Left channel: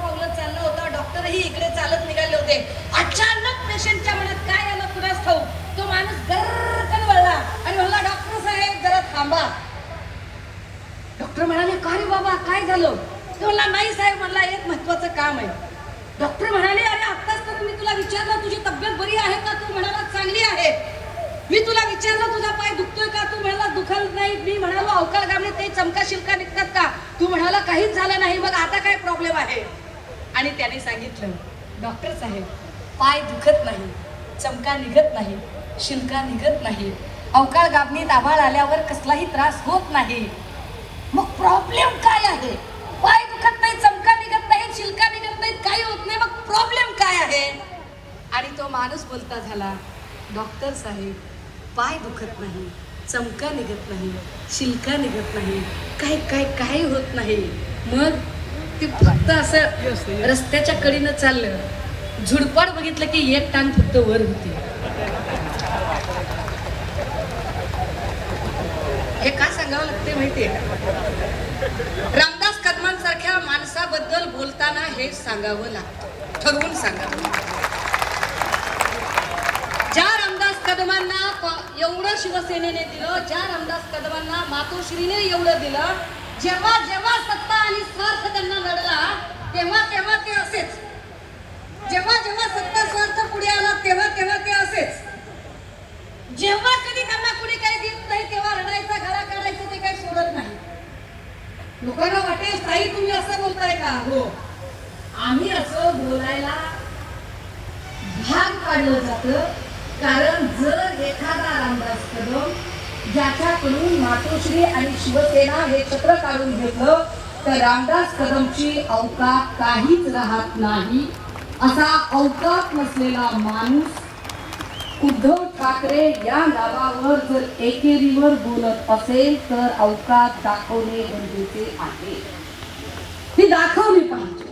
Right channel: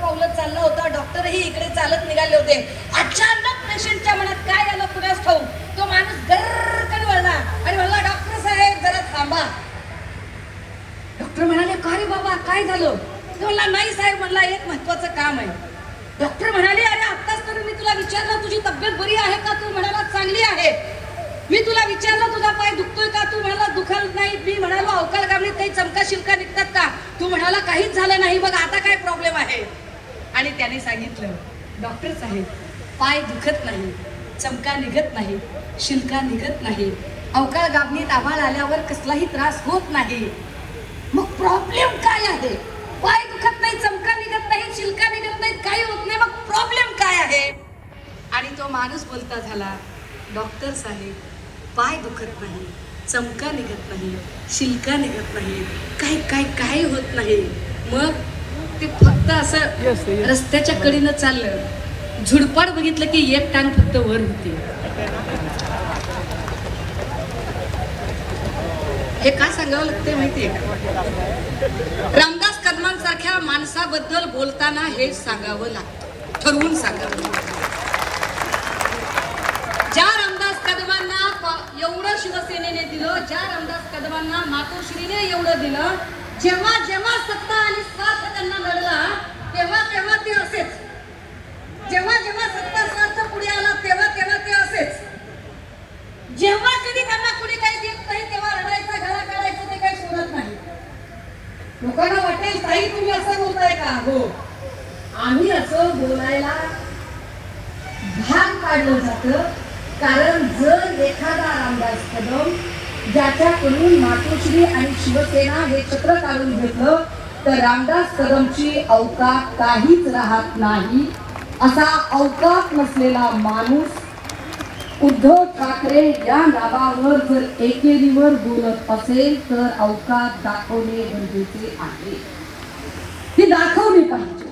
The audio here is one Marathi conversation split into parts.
दोघंही इकडे चालत निघाले होते. अचानक पेशंटच्या मनात काय आलं कुणास ठाऊ तो माणूस गरकन वळला. आणि म्हणला डॉक्टर साहेब जरा थांबा. डॉक्टर म्हणाले काय रे बाबा काय झालं? म्हणला नाही साहेब म्हणला एक महत्वाचं काम आहे. डॉक्टर म्हणाले अरे आत्ताच तर मी तुला विचारलं तुझी तब्येत बरी आहे का? तू म्हणाला चांगली आहे. मी तुला विचारलं तुझा पाय दुखतोय का? तू म्हणाला दुखत नाही. मी म्हणालो अवकाळ गावणीत काही चमका शिरका निघतात का? तू म्हणाला काहीच झालं नाही. मग आता काय प्रॉब्लेम आहे? आणि त्याने सांगितलं डॉक्टर साहेब पाय दुखत नाही चमका निघत नाही शिल्का निघत नाही. अवकाळ गाबणीत आभाळ आल्यावर कसलाही त्रास होत नाही. मग प्रॉब्लेम काय आहे? पाय दुखत नाही चमका निघत नाही शिल्का निघत नाही काही होत नाही मग प्रॉब्लेम काय आहे? आणि तो माणूस बोलता झाला डॉक्टर साहेब पाय दुखत नाही चमका निघत नाही शिल्का निघत नाही काय काय काय होत नाही. मग ते फक्त असं रस्त्याच्या कडीनं चाललं. झुडपाड बघितलं की एक कान फक्त वर होती. हे का सांगावं लागते माहितीये रामदास कदमांसारख्या माणसाबद्दल बोलताना हे सांगावं लागतं. ठरवून सांगावं ज्या रामदास कदमांना एवढं शिवसेनेने दिलं ज्या रामदास कदमांना मातोश्रीने एवढं दिलं जेव्हा जेव्हा सत्ता आणि स्वार्थ त्यांना लढला तेव्हा तेव्हा ते असेच जेव्हा जेव्हा सत्ता स्वार्थ पुढे आला तेव्हा तेव्हा ते असेच जेव्हा कधी त्यांना कुणी काही देत नाही तेव्हा रडायचं घरा काढायचं ते काही सोडत नाही. लोकांना वाटेल ताई तुम्ही असं बोलताय का? हो. आम्ही असं बोलायला भाग पाडलं जातं. कारण जर एखादा रामदास कदम ज्याच्याकडून मातोश्री आणि शिवसेना हे छत्र काढून घेतलं तर रामदास कदमची अवकात काहीच राहत नाही. असा अवकात नसलेला माणूस उद्धव ठाकरे या नावावर जर एकेरीवर बोलत असेल तर अवकात दाखवणे गरजेचे आहे. ती दाखवली पाहिजे.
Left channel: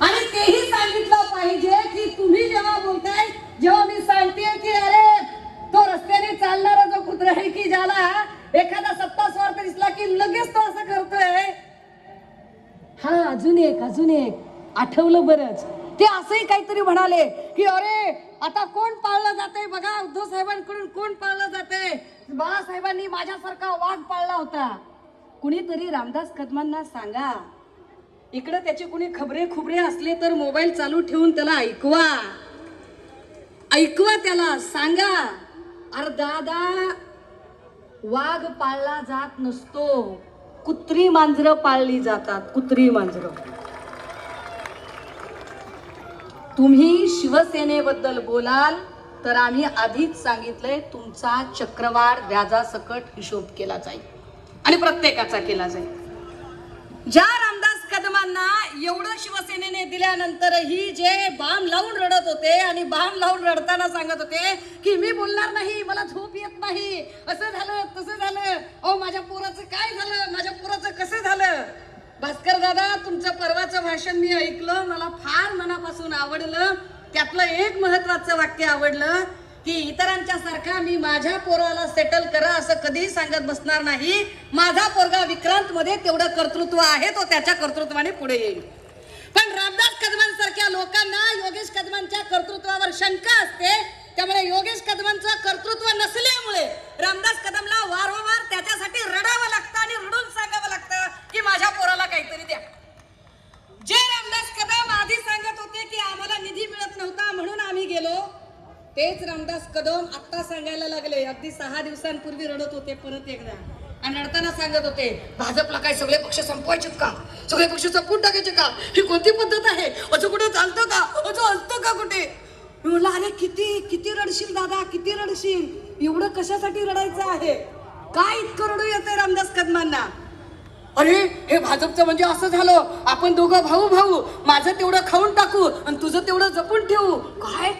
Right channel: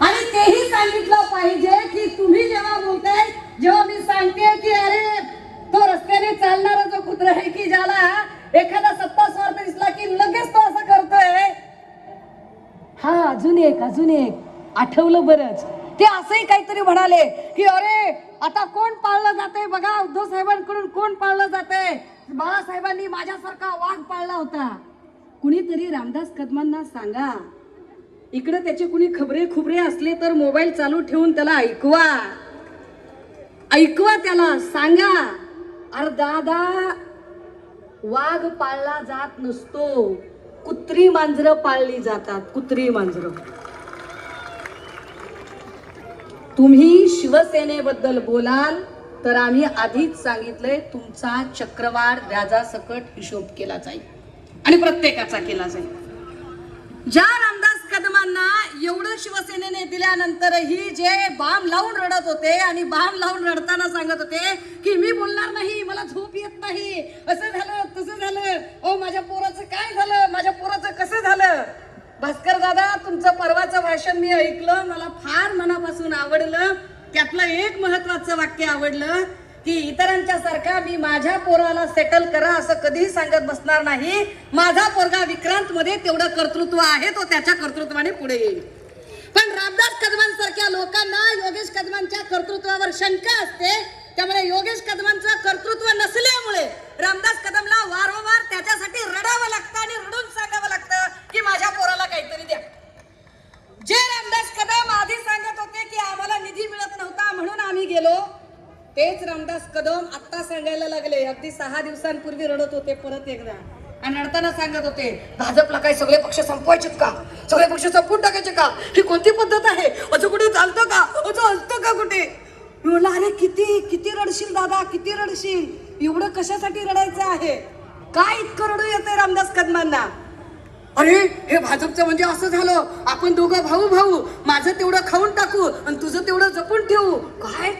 आणि तेही सांगितलं पाहिजे की तुम्ही जेव्हा बोलताय जेव्हा मी सांगते की अरे तो रस्त्याने चालणारा जो कुत्र आहे की ज्याला एखादा सत्ता स्वार्थ दिसला की लगेच तो असं करतोय. हा अजून एक अजून एक. आठवलं बरंच. ते असंही काहीतरी म्हणाले की अरे आता कोण पाळलं जाते बघा उद्धव साहेबांकडून कोण पाळलं जाते बाळासाहेबांनी माझ्यासारखा वाघ पाळला होता. कुणीतरी रामदास कदमांना सांगा इकडे त्याचे कुणी खबरे खुबरे असले तर मोबाईल चालू ठेवून त्याला ऐकवा. ऐकवा त्याला सांगा. अरे दादा वाघ पाळला जात नसतो. कुत्री मांजरं पाळली जातात कुत्री मांजरं. तुम्ही शिवसेनेबद्दल बोलाल तर आम्ही आधीच सांगितलंय तुमचा चक्रवाढ व्याजासकट हिशोब केला जाईल. आणि प्रत्येकाचा केला जाईल. ज्या रामदास कदमांना एवढं शिवसेनेने दिल्यानंतरही जे बाम लावून रडत होते आणि बाम लावून रडताना सांगत होते की मी बोलणार नाही मला झोप येत नाही असं झालं तसं झालं. ओ माझ्या पोराचं काय झालं? माझ्या पोराचं कसं झालं भास्कर दादा तुमचं परवाचं भाषण मी ऐकलं मला फार मनापासून आवडलं. त्यातलं एक महत्वाचं वाक्य आवडलं की इतरांच्या सारखा मी माझ्या पोराला सेटल करा असं कधीही सांगत बसणार नाही. माझा पोरगा विक्रांत मध्ये तेवढं कर्तृत्व आहे तो त्याच्या कर्तृत्वाने पुढे येईल. पण रामदास कदमांसारख्या लोकांना योगेश कदमांच्या कर्तृत्वावर शंका असते. त्यामुळे योगेश कदमांचं कर्तृत्व नसल्यामुळे रामदास कदमला वारंवार त्याच्यासाठी रडावं लागतं आणि रडून सांगावं लागतं की माझ्या पोराला काहीतरी द्या जे रामदास कदम आधी सांगत होते की आम्हाला निधी मिळत नव्हता म्हणून आम्ही गेलो. तेच रामदास कदम आता सांगायला लागले. अगदी सहा दिवसांपूर्वी रडत होते परत एकदा. आणि रडताना सांगत होते भाजपला काय सगळे पक्ष संपवायचेत का? सगळे पक्ष संपून टाकायचे का? ही कोणती पद्धत आहे? असं कुठे चालतं का? असं असतं का कुठे? मी म्हणलं अरे किती किती रडशील दादा किती रडशील? एवढं कशासाठी रडायचं आहे? काय इतकं रडू येते रामदास कदमांना? अरे हे भाजपचं म्हणजे असं झालं. आपण दोघं भाऊ भाऊ. माझं तेवढं खाऊन टाकू आणि तुझं तेवढं जपून ठेवू. काय